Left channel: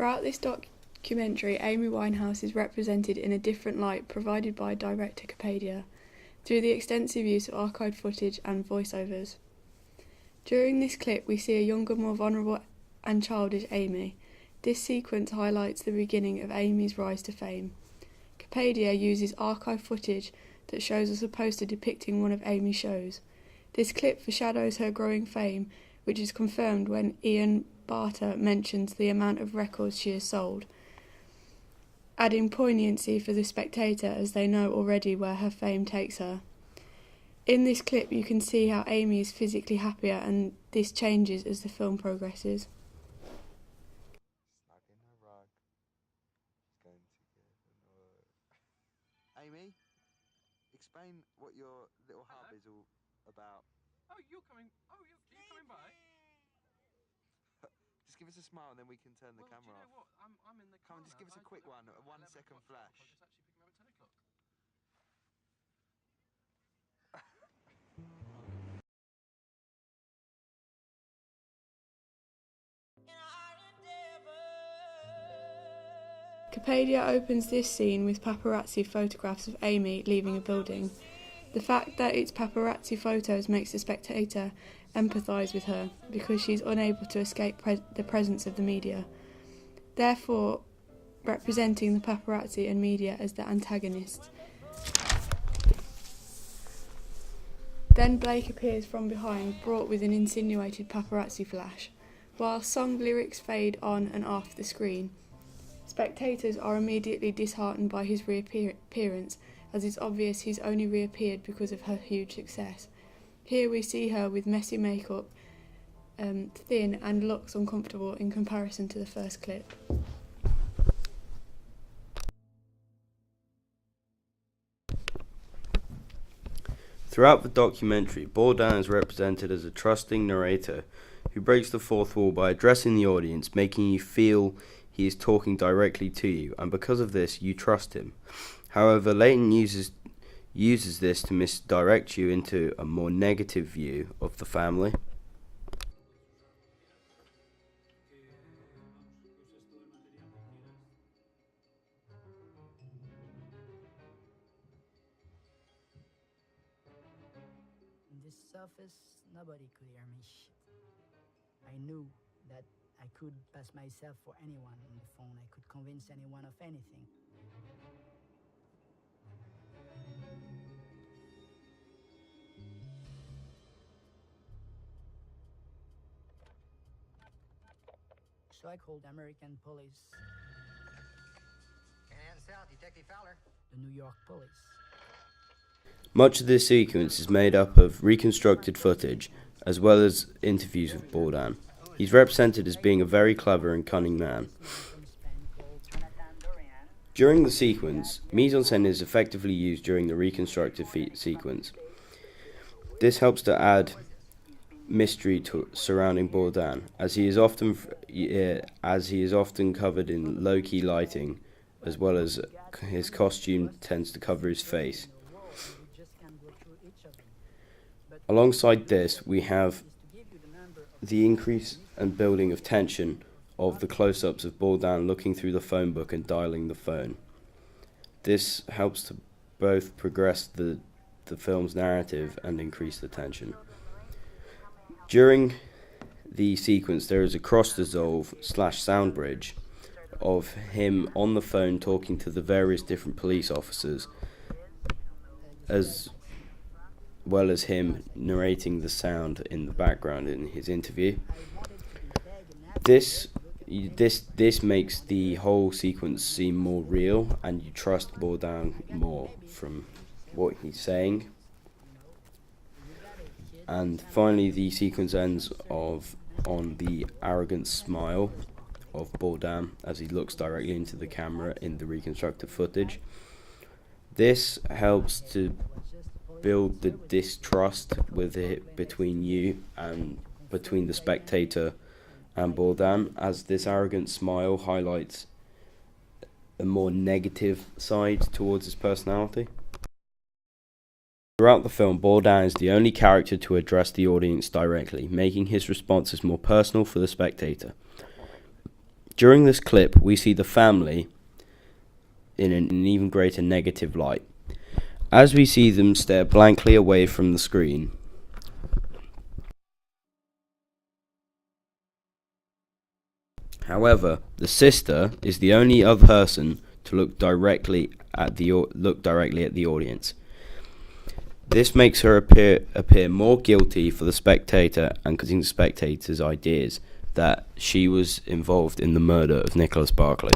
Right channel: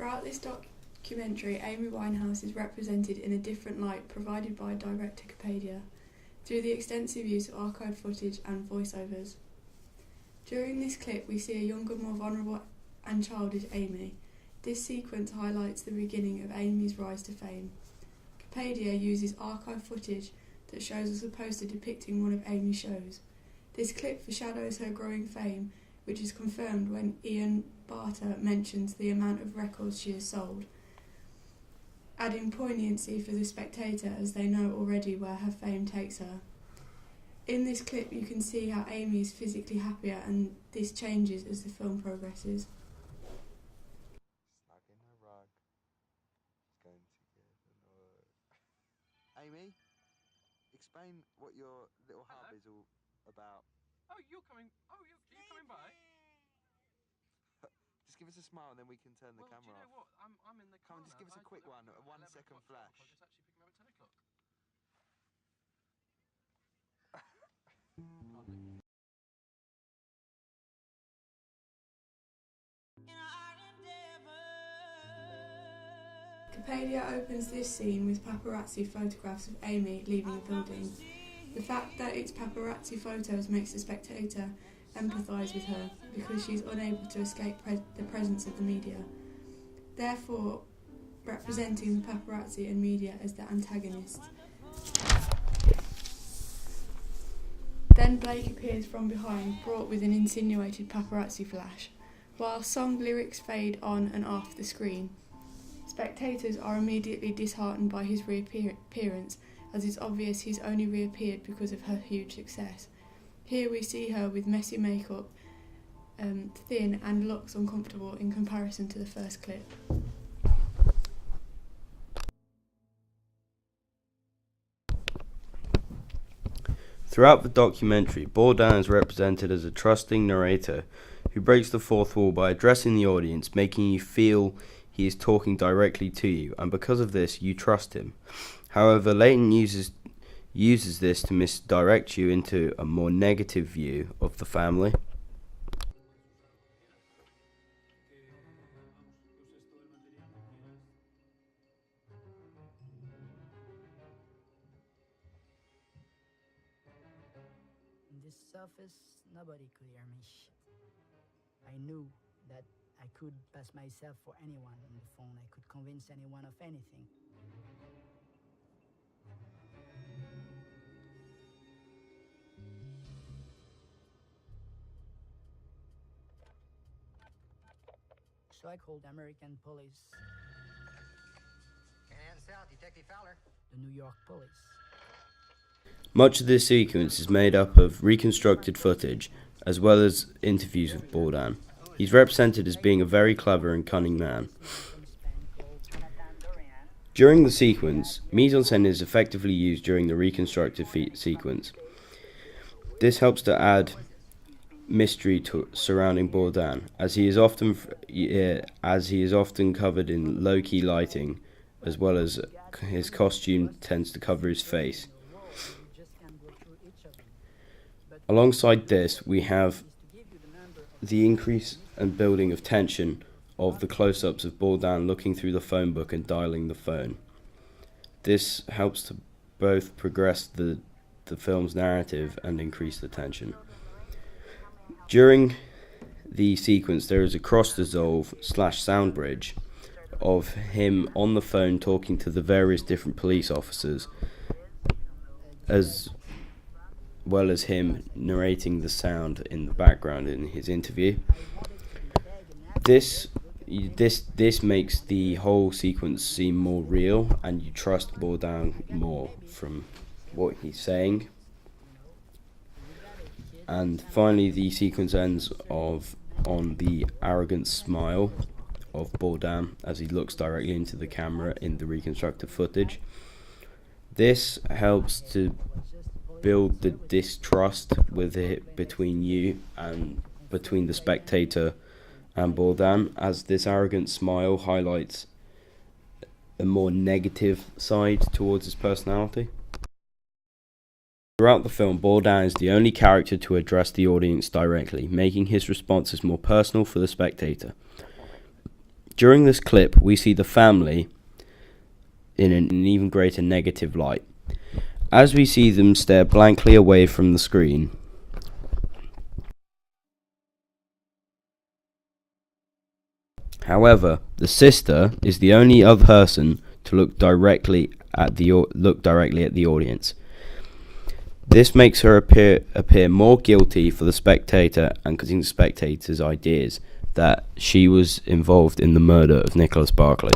Throughout this documentary, Amy Winehouse is represented in a different light provided by director Capadia, through the extensive use of archived footage and voiceovers. During this clip, we see a younger, more vulnerable and childish Amy. This sequence highlights the beginning of Amy's rise to fame. Capadia uses archive footage that shows us a poster depicting one of Amy's shows. This clip foreshadows her growing fame, which is confirmed when Ian Barter mentions the amount of records she has sold, adding poignancy for the spectator as they know already where her fame takes her. In this clip you can see how Amy is physically happier, and this changes as the film progresses. Snug in her rug. She's going to get annoyed. Amy, explain what your little hub is all about. Oh, you're coming by? Just give us a smile and then we can turn the camera off. Do you know what? I'm in the car. Come on, just give us a quick one, a 1 second flash. I'll just actually pick him up at 10 o'clock. Capadia opens this scene with paparazzi photographs of Amy leaving a building. The fact that it's paparazzi photos makes the spectator empathise with her because she's unable to escape the presence of the media, therefore representing the paparazzi and media as the antagonists. Then Blake appears from behind, brought with an insinuated paparazzi flash. While song lyrics fade on and off the screen, spectators are immediately disheartened by his reappearance, as it's obvious he's only reappeared because of her huge success. Here we see her with messy makeup, thin, and looks uncomfortable in comparison to the first clip. Throughout the documentary, Bourdain is represented as a trusting narrator who breaks the fourth wall by addressing the audience, making you feel he is talking directly to you, and because of this, you trust him. However, Leighton uses this to misdirect you into a more negative view of the family. In this office, nobody could hear me shit. I knew that I could pass myself for anyone on the phone. I could convince anyone of anything. So I called the American police. And south, Detective Fowler. The New York police. Much of this sequence is made up of reconstructed footage, as well as interviews with Bourdain. He's represented as being a very clever and cunning man. During the sequence, mise-en-scène is effectively used during the reconstructed sequence. This helps to add mystery surrounding Bourdain, as he is often covered in low-key lighting, as well as his costume tends to cover his face. Alongside this, we have the increase and building of tension of the close-ups of Bourdain looking through the phone book and dialing the phone. This helps to both progress the film's narrative and increase the tension. During the sequence, there is a cross-dissolve / sound bridge of him on the phone talking to the various different police officers, as well as him narrating the sound in the background in his interview. This makes the whole sequence seem more real, and you trust Bourdain more from what he's saying. And finally, the sequence ends on the arrogant smile of Bourdain as he looks directly into the camera in the reconstructed footage. This helps to build the distrust between you and between the spectator and Bourdain, as this arrogant smile highlights a more negative side towards his personality. Throughout the film, Bourdain is the only character to address the audience directly, making his responses more personal for the spectator. During this clip, we see the family in an even greater negative light. As we see them stare blankly away from the screen, however, the sister is the only other person to look directly at the audience. This makes her appear more guilty for the spectator and causing the spectator's ideas that she was involved in the murder of Nicholas Barclay.